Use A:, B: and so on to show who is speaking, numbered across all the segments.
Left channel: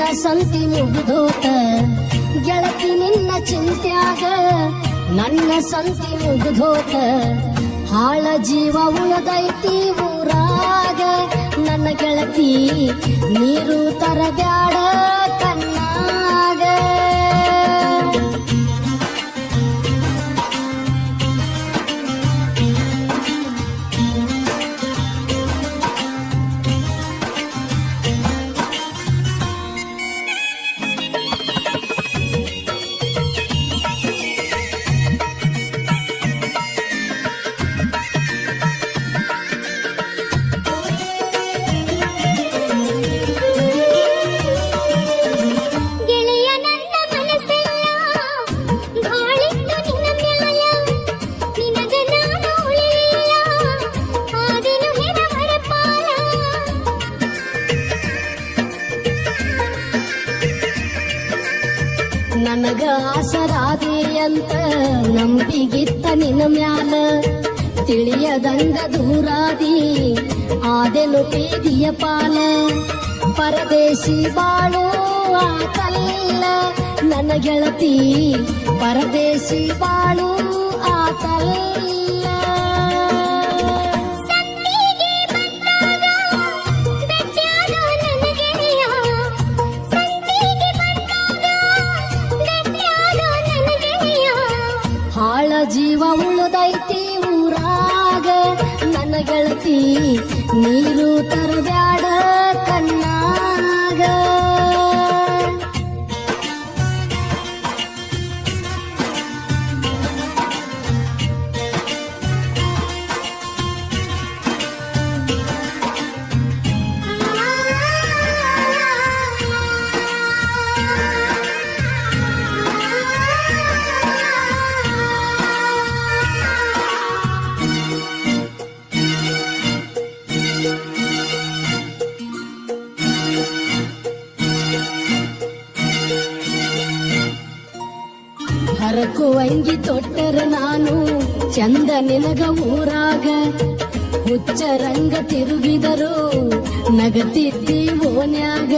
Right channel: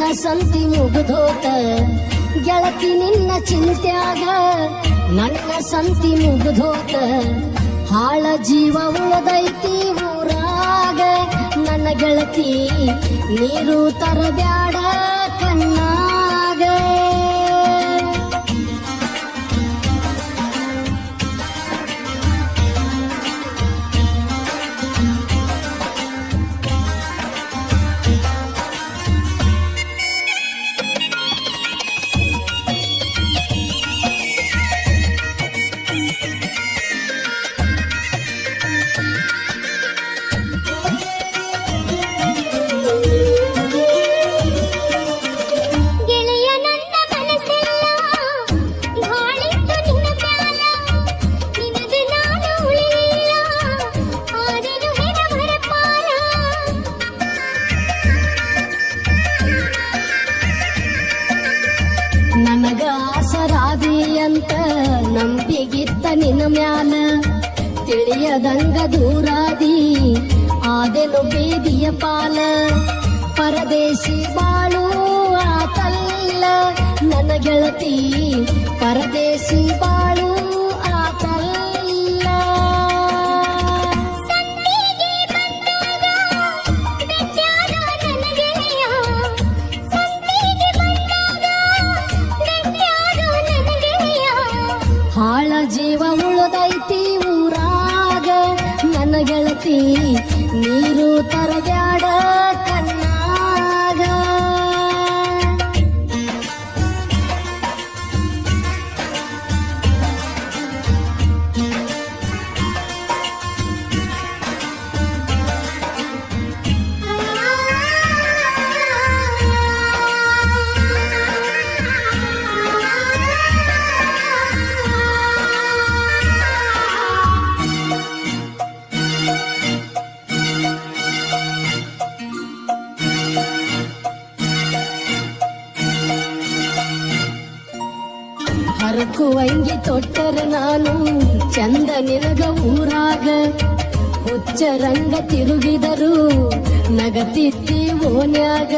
A: ನನ್ನ ಸಂತಿ ಮುಗಿದೋತ, ಗೆಳತಿ ನಿನ್ನ ಚಿಂತ್ಯಾಗ, ನನ್ನ ಸಂತಿ ಮುಗಿದೋತ, ಹಾಳ ಜೀವ ಉಳದೈತಿ ಊರಾಗ, ನನ್ನ ಗೆಳತಿ, ನೀರು ತರಬ್ಯಾಡ ಕಣ್ಣಾಗ. ಆಸರಾದಿ ಅಂತ ನಂಬಿಗಿತ್ತ ನಿನ ಮ್ಯಾಲ. ತಿಳಿಯದಂಗ ದೂರಾದಿ ಆದೆನು ಬೇದಿಯ ಪಾಲ. ಪರದೇಶಿ ಬಾಳು ಆತಲ್ಲ ನನ್ನ ಗೆಳತಿ, ಪರದೇಶಿ ಬಾಳು ಜೀವ ಹರಕುವಂಗಿ ತೊಟ್ಟರ ನಾನು ಚಂದ ನಿನಗ ಊರಾಗ. ಹುಚ್ಚ ರಂಗ ತಿರುಗಿದರು ನಗತಿತ್ತಿ ಓನ್ಯಾಗ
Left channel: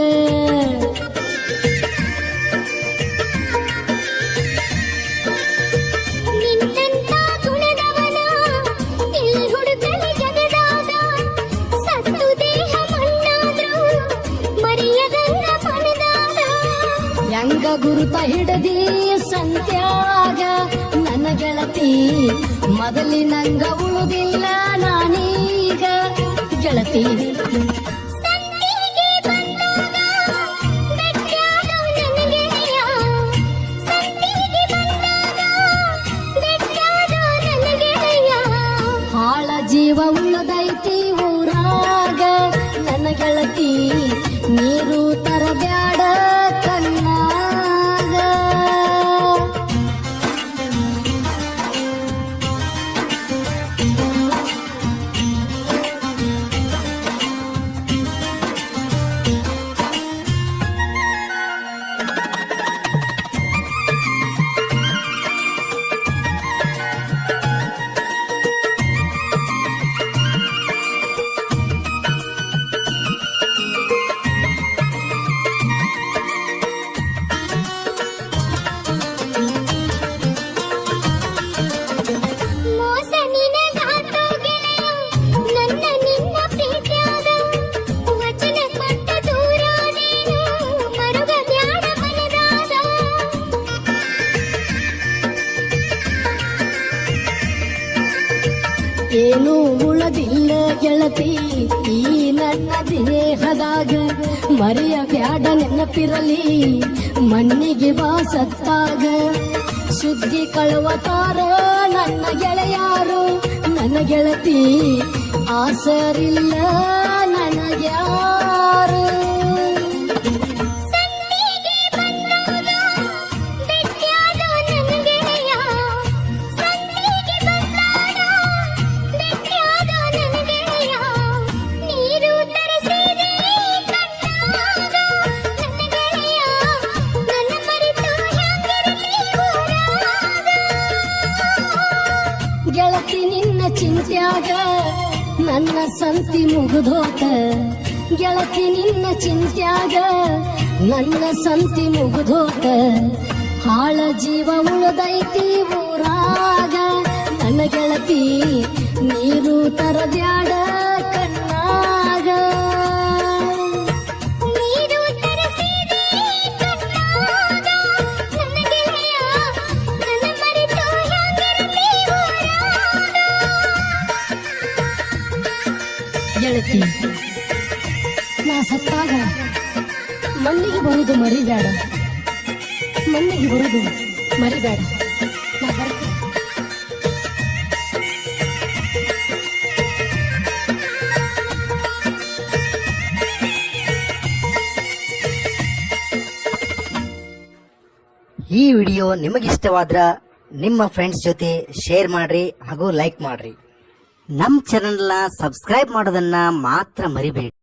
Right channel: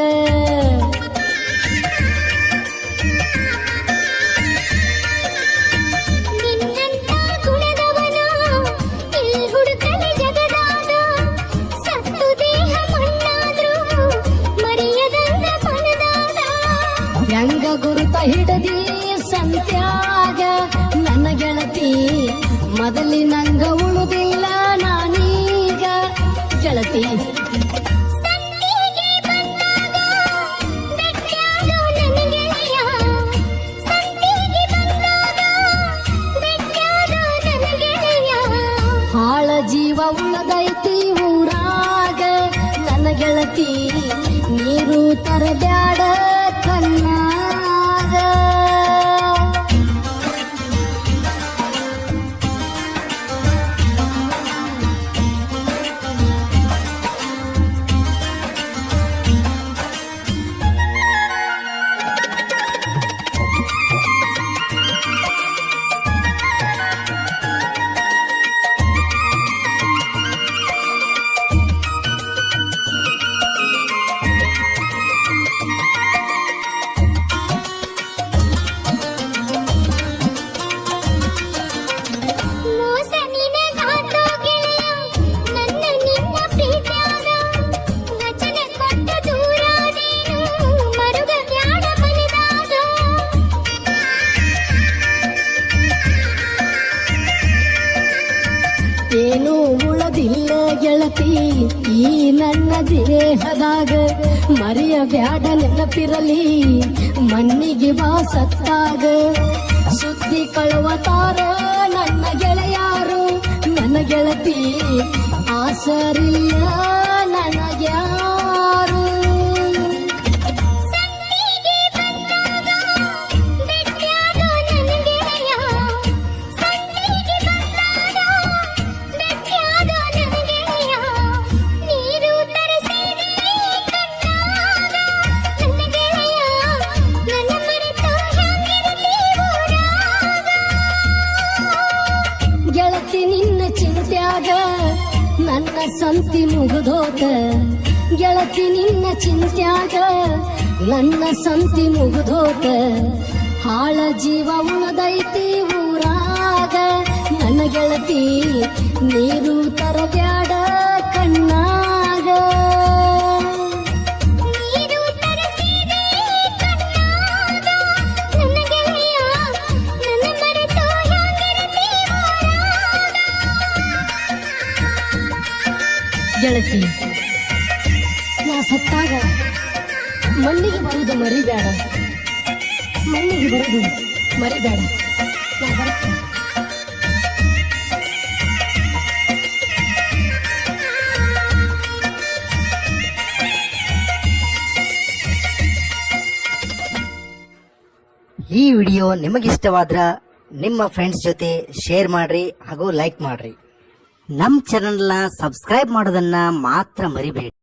B: ಹೆಂಗ ಗುಣದವನ ಇಲ್ಲಿ
A: ಮೊದಲಿನಂಗ ಉಳುದಿಲ್ಲ ನಾನೀಗ ಗೆಳತಿ ಏನು ಉಳದಿಲ್ಲ ಗೆಳತಿ. ಈ ನನ್ನ ದೇಹದಾಗ ಮರಿಯ ಬ್ಯಾಡ ನೆನಪಿರಲಿ. ಮಣ್ಣಿಗೆ ಬಾಸತ್ತಾಗ. ಸುದ್ದಿ ಕಳುವತಾರ ನನ್ನ ಗೆಳೆಯಾರು. ನನ್ನ ಗೆಳತಿ, ಆಸರಿಲ್ಲ ಗೆಳತಿ ನಿನ್ನ ಚಿಂತ್ಯಾಗ, ನನ್ನ ಸಂತಿ ಮುಗಿದೋತ. ಗೆಳತಿ ನಿನ್ನ ಚಿಂತ್ಯಾಗ, ನನ್ನ ಸಂತಿ ಮುಗಿದೋತ. ಹಾಳ ಜೀವ ಉಳದೈತಿ ಗೆಳತಿ. ನಾ ಸತ್ತಾಗ ಮಣ್ಣಿಗೆ ಬರುವುದು ಮರಿಬೇಡ. ಮಣ್ಣಿಗೆ ಬರುವುದು ಮರಿಬೇಡ.
C: ಈ ವಿಡಿಯೋ ನಿಮಗಿಷ್ಟವಾದ್ರ ನಿಮ್ಮ ಫ್ರೆಂಡ್ಸ್ ಜೊತೆ ಶೇರ್ ಮಾಡ್ರಿ ಹಾಗೂ ಲೈಕ್ ಮಾಡ್ರಿ. ನಮ್ ಚಾನಲ್ನ ಸಬ್ಸ್ಕ್ರೈಬ್ ಮಾಡೋದನ್ನ ಮಾತ್ರ ಮರಿಬೇಡಿ.